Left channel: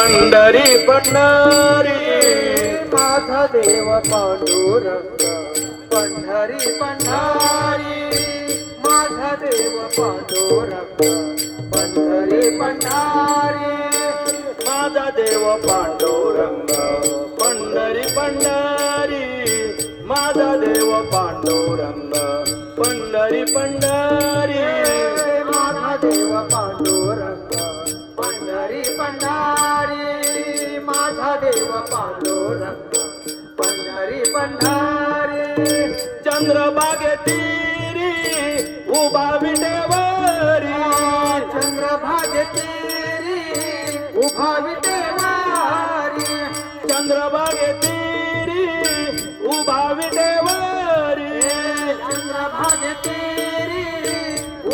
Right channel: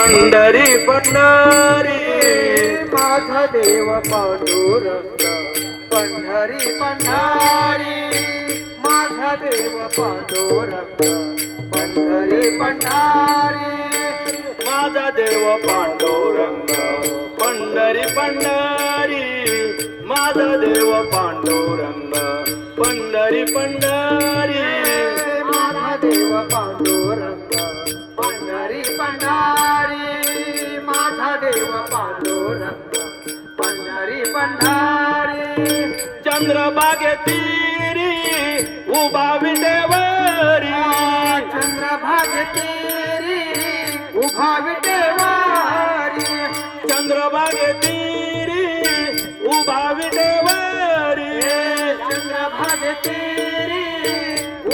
पंढरी पंढरी माझा देव पांडुरंग पंढरी पंढरी माझा देव पांडुरंग पंढरी पंढरी माझा देव पांडुरंग पंढरी पंढरी माझा देव पांडुरंग पंढरी पंढरी माझा देव पांडुरंग पंढरी पंढरी माझा देव पांडुरंग पंढरी पंढरी चंद्रभागे तीरी उभा विटेवरी चंद्रभागे तीरी उभा विटेवारी चंद्रभागे तीरी उभा विटेवरी चंद्रभागे तीरी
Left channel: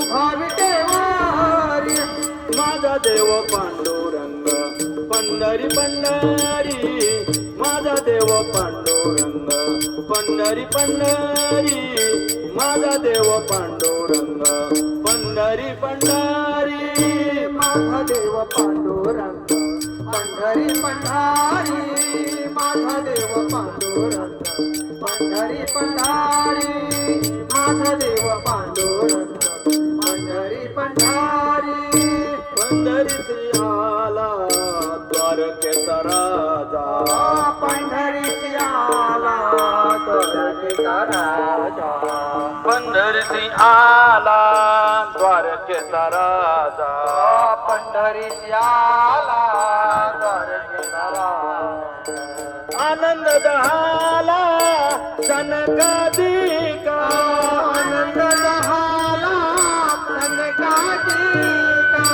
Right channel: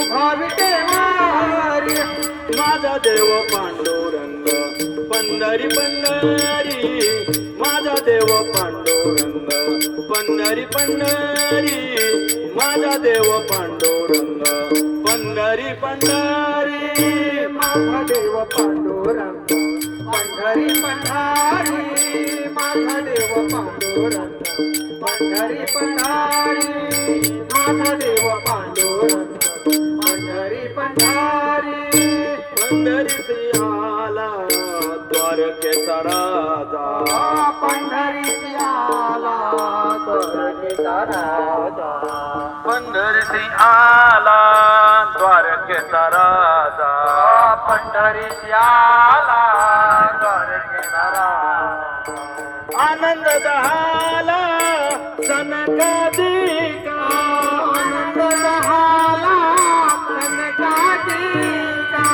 उभा विटेवारी माझा देव पांडुरंग पंढरी पंढरी माझा देव पांडुरंग पंढरी पंढरी माझा देव पांडुरंग पंढरी पंढरी माझा देव पांडुरंग पंढरी पंढरी माझा देव पांडुरंग पंढरी पंढरी माझा देव पांडुरंग पंढरी पंढरी पंढरी आला द्वारकेचा राजा पंढरी आला द्वारकेचा राजा पंढरी आला द्वारकेचा राजा पंढरी आला द्वारकेचा राजा आनंद झाला सनकादिका आनंद झाला कनकादिका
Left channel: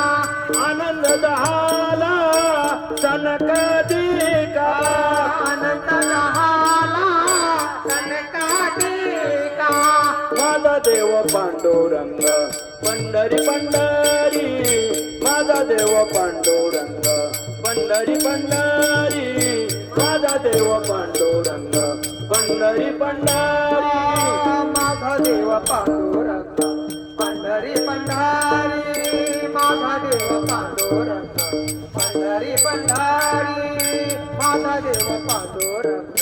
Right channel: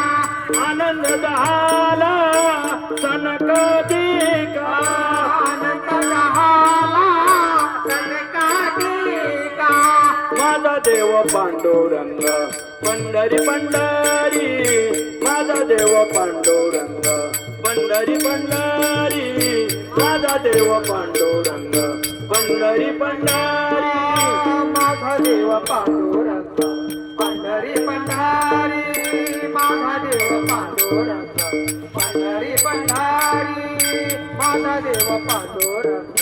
आनंद झाला सनकादिका आनंद झाला कनकादिका माझा देव पांडुरंग पंढरी पंढरी माझा देव पांडुरंग पंढरी पंढरी माझा देव पांडुरंग पंढरी पंढरी माझा देव पांडुरंग पंढरी पंढरी माझा देव पांडुरंग पंढरी पंढरी माझा देव पांडुरंग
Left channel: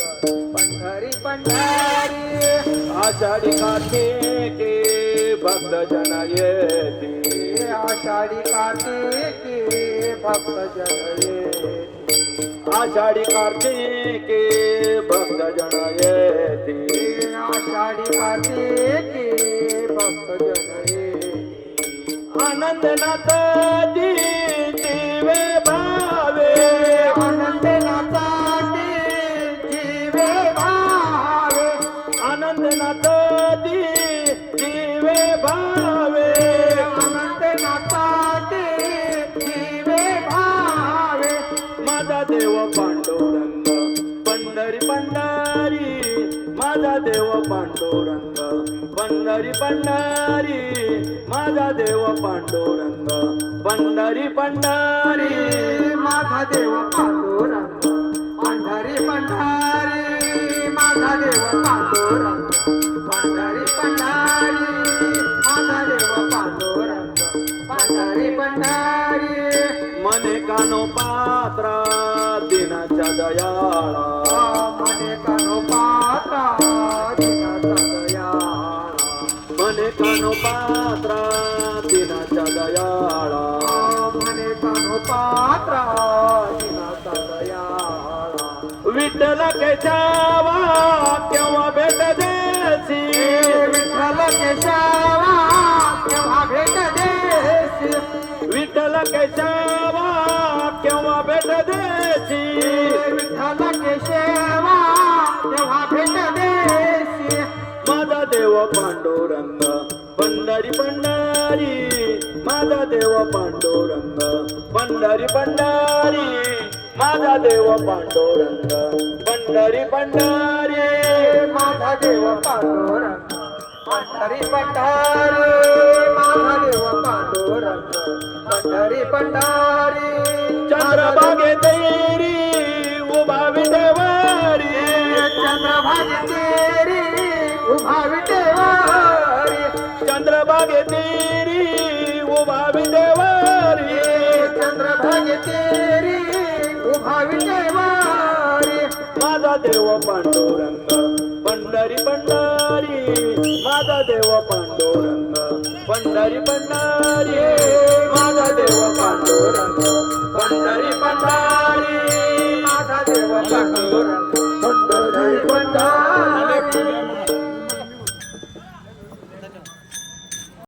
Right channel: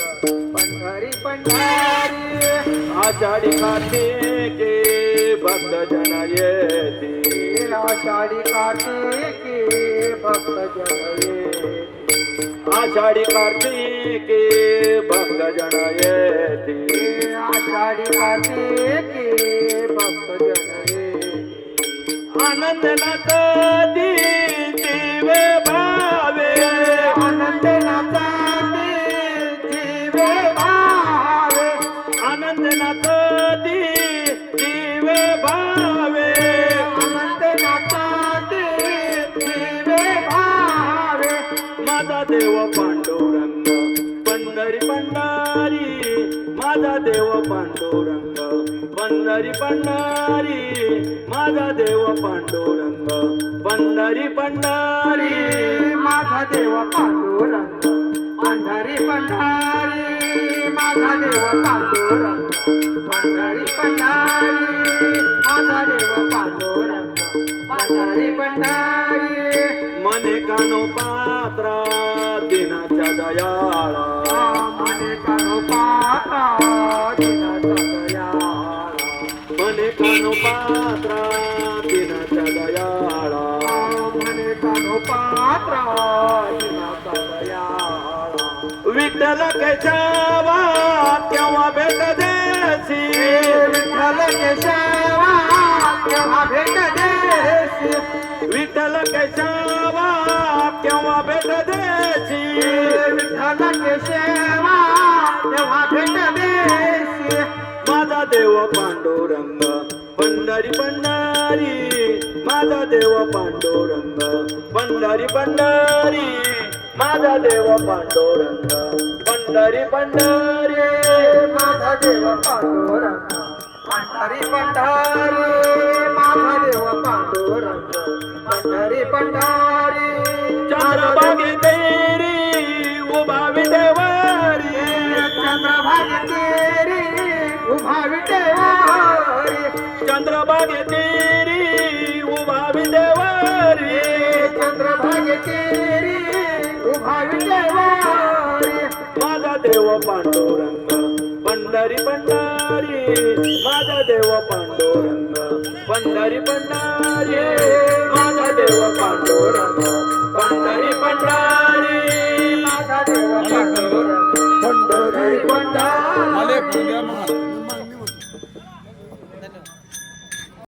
पंढरी पंढरी आषाढी कार्तिके भक्त जन येती आषाढी कार्तिके भक्त जन येती आषाढी कार्तिके भक्त जन येती आषाढी कार्तिके भक्त जन येती आनंद नदी जीवे भावे आनंद नाचाते जीवे भावे आनंद नदी जीवे भावे आनंद नाचाते जीवे भावे माझा देव पांडुरंग पंढरी पंढरी माझा देव पांडुरंग पंढरी पंढरी माझा देव पांडुरंग पंढरी पंढरी माझा देव पांडुरंग पंढरी पंढरी माझा देव पांडुरंग पंढरी पंढरी माझा देव पांडुरंग पंढरी पंढरी मने कानो पात्रा दिनाच्या दयाळा मने कानो पात्रा दिनाचा दयाळा मने कानो पात्रा दिनाच्या दयाळा मने कानो पात्रा दिनाचा दयाळा विठ्ठल केशवा केव्हा भेट देसी विठ्ठल केशवा केव्हा भेट देसी विठ्ठल केशवा केव्हा भेट देसी विठ्ठल केशवा केव्हा भेट देसी माझा देव पांडुरंग पंढरी पंढरी माझा देव पांडुरंग पंढरी पंढरी माझा देव पांडुरंग पंढरी पंढरी माझा देव पांडुरंग पंढरी पंढरी माझा देव पांडुरंग पंढरी पंढरी चंद्रभागे तेरी उभा विटेवरी चंद्रभागे तेरी उभा विटेवारी चंद्रभागे तेरी उभा विटेवरी चंद्रभागे तेरी उभा विटेवारी माझा देव पांडुरंग पंढरी पंढरी माझा देव पांडुरंग पंढरी पंढरी माझा देव पांडुरंग पंढरी पंढरी माझा देव पांडुरंग पंढरी